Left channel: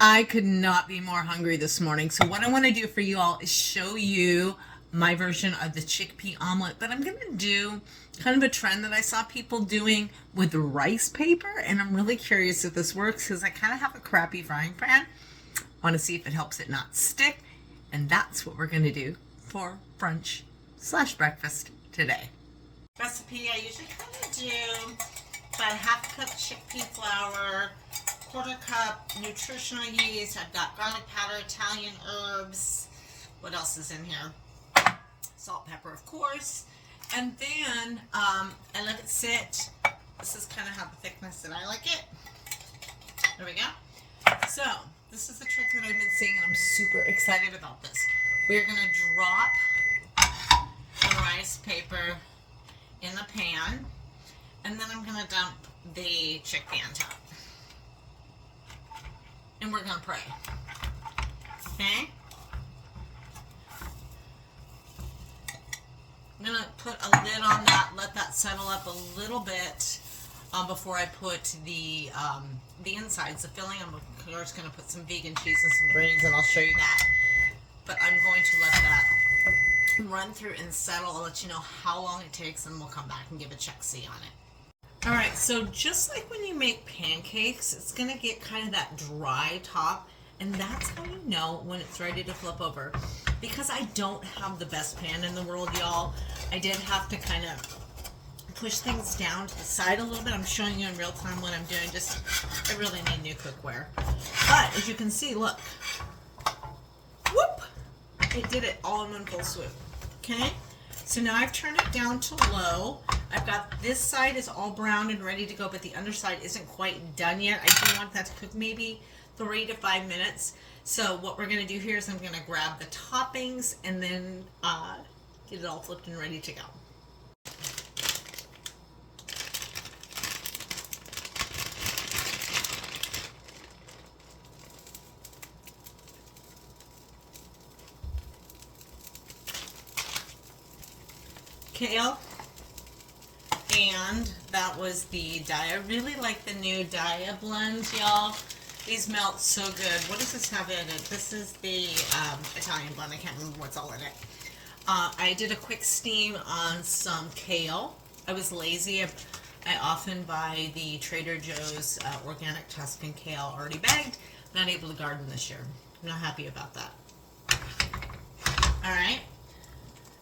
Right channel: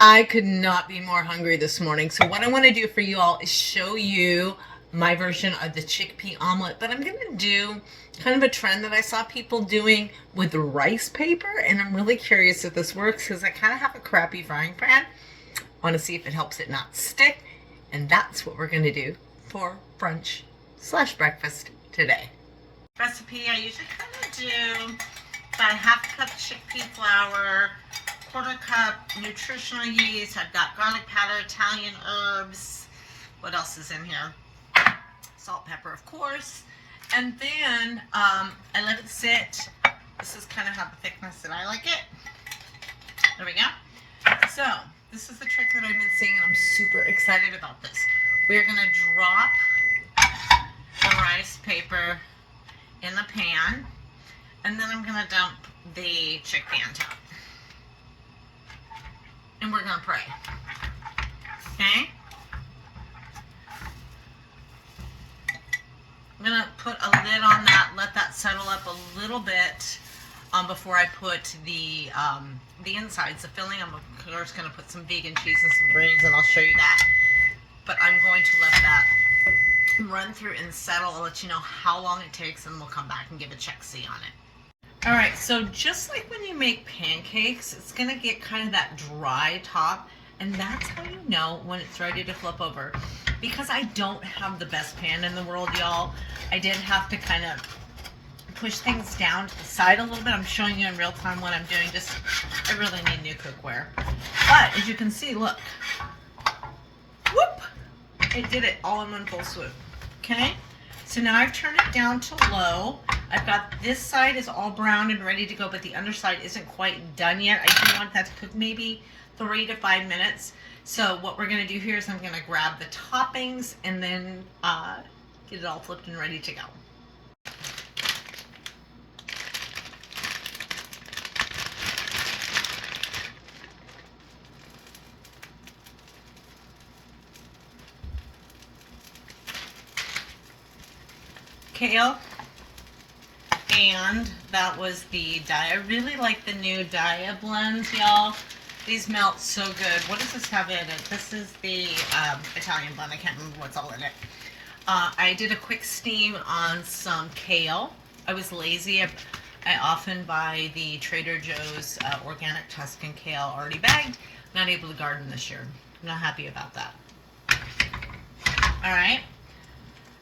I could not be more hungry this morning. So what I want to do for you all is show you my version of the chickpea omelet, but I'm going to do kind of a trend that I saw people doing with rice paper, and I'm really curious if this works because I kind of have a crappy frying pan. I want to see if it helps it not stick, and that's what we're going to do for brunch slash breakfast today. Recipe, I usually kind of do about a half cup chickpea flour, quarter cup nutritional yeast. I've got garlic powder, Italian herbs. What else is in here? Salt, pepper, of course. And then I let it sit. This is kind of how the thickness that I like it. There we go. So this is the trick that I've been seeing, and I'm super excited about this. We're gonna drop the rice paper in the pan, and then I'm gonna dump the chickpea on top. And we're gonna pray. Okay? I'm gonna put a lid on that, let that settle up a little bit before I put the insides, the filling. I'm of course gonna put some vegan cheese and some grains, and I'll show you that. But I'm going to let that run through and settle. I'll let you know how long it takes, and we'll come back and give a check-see on it. All right, so just like when you make pancakes, it's gonna get kind of that dry top, and that's how you know when it's ready to flip over. Because I don't have the best pan in the world, y'all, I did have to kind of push things down to the side a little bit. I'm showing you in real time what I'm doing. Just, I really need new cookware. But as you can see, look, whoop, it did it all in one full swoop. Okay, so now I've turned it down to low. I've got this side is all brown and ready to go, but the underside isn't quite done yet. I do want that to cook maybe 3 to 5 minutes. So what we're gonna do here is I'm gonna grab the toppings and then get it all flipped and ready to go. Kale, and that was the dye. I really like the new dye blends, y'all. These melt so good. What does this have in it? This is the Italian blend. I can't remember what's all in it. I did a quick steam on some kale. I was lazy. I often buy the Trader Joe's organic Tuscan kale already bagged. Not able to garden this year. I'm not happy about that. All right.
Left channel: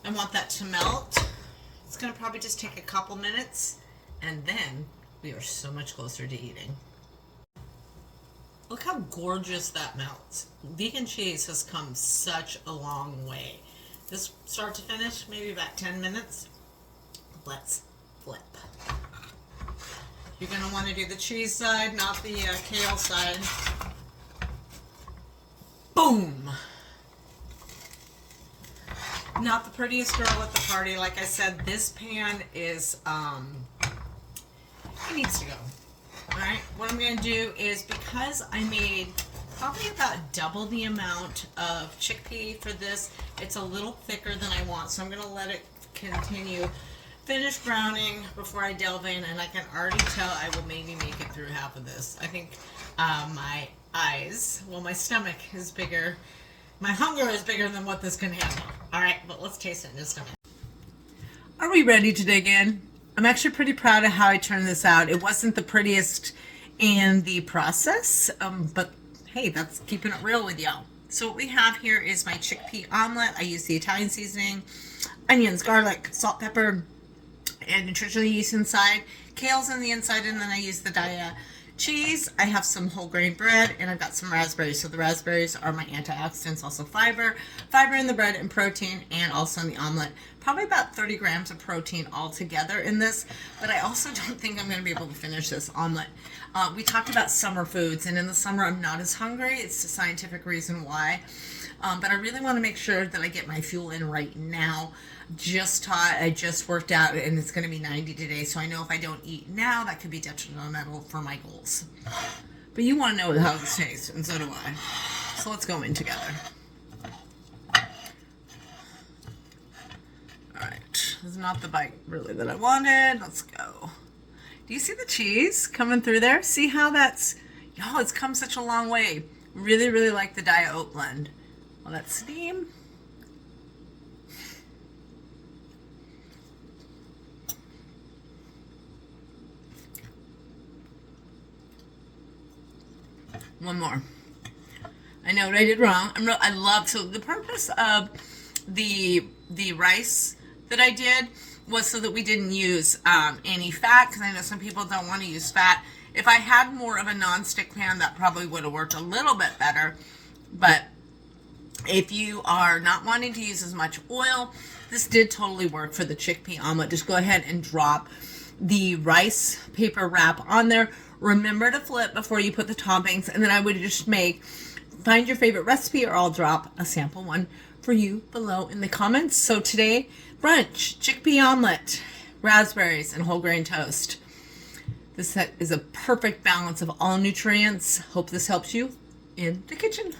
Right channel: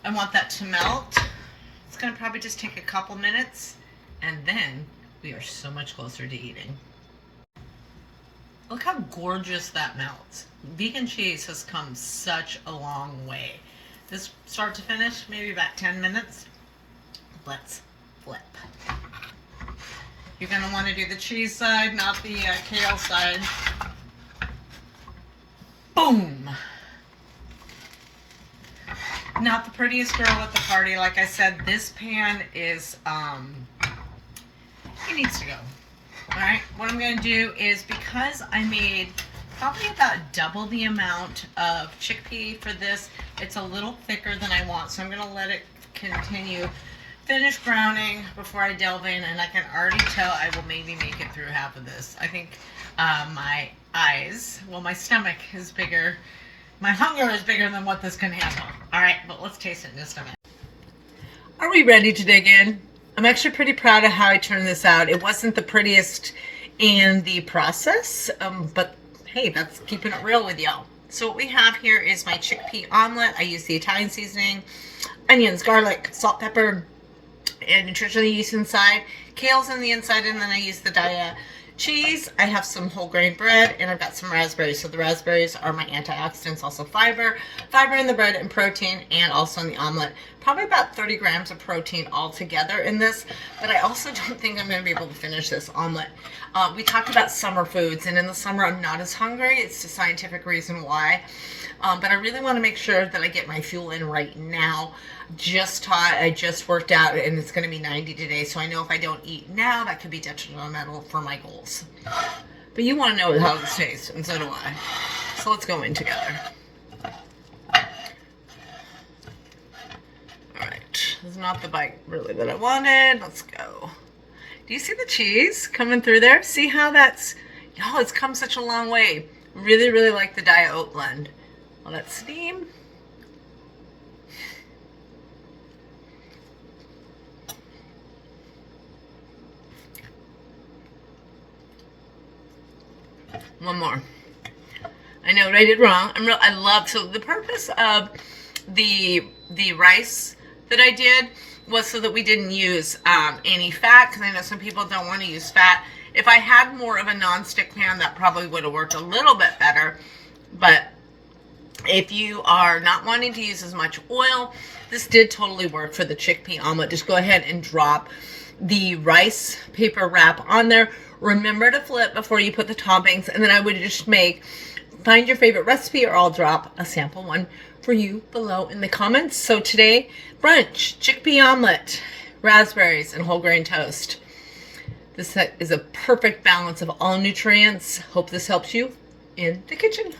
I want that to melt. It's gonna probably just take a couple minutes, and then we are so much closer to eating. Look how gorgeous that melts. Vegan cheese has come such a long way. This start to finish, maybe about 10 minutes. Let's flip. You're gonna wanna do the cheese side, not the kale side. Boom! Not the prettiest girl at the party. Like I said, this pan is, it needs to go. Alright, what I'm going to do is, because I made probably about double the amount of chickpea for this, it's a little thicker than I want, so I'm going to let it continue. Finish browning before I delve in, and I can already tell I will maybe make it through half of this. I think my eyes, well, my stomach is bigger. My hunger is bigger than what this can handle. All right, but let's taste it in just a minute. Are we ready to dig in? I'm actually pretty proud of how I turned this out. It wasn't the prettiest in the process, but hey, that's keeping it real with y'all. So what we have here is my chickpea omelet. I use the Italian seasoning, onions, garlic, salt, pepper, and nutritional yeast inside. Kale's in the inside, and then I use the cheese. I have some whole grain bread, and I've got some raspberries. So the raspberries are my antioxidants, also fiber in the bread and protein, and also in the omelet. Probably about 30 grams of protein altogether in this, but I also don't think I'm going to be able to finish this omelet. We talked about summer foods, and in the summer I'm not as hungry. It's the scientific reason why. But I really want to make sure that I get my fuel in right now. Just taught, I just worked out, and it's going to be 90 today, so I know if I don't eat now, that could be detrimental for my goals. But you want to know how this tastes, and so do I. So let's go in together. Alright, this is not the bite really that I wanted. Let's go. Do you see the cheese coming through there? See how that's, y'all, it's come such a long way. Really, really like the diet oat blend. I'll let steam. One more. I know what I did wrong. I love, so the purpose of the rice that I did was so that we didn't use any fat, because I know some people don't want to use fat. If I had more of a non-stick pan, that probably would have worked a little bit better. But if you are not wanting to use as much oil, this did totally work for the chickpea omelet. Just go ahead and drop the rice paper wrap on there. Remember to flip before you put the toppings, and then I would just find your favorite recipe, or I'll drop a sample one for you below in the comments. So today, brunch, chickpea omelet, raspberries, and whole grain toast. This is a perfect balance of all nutrients. Hope this helps you in the kitchen.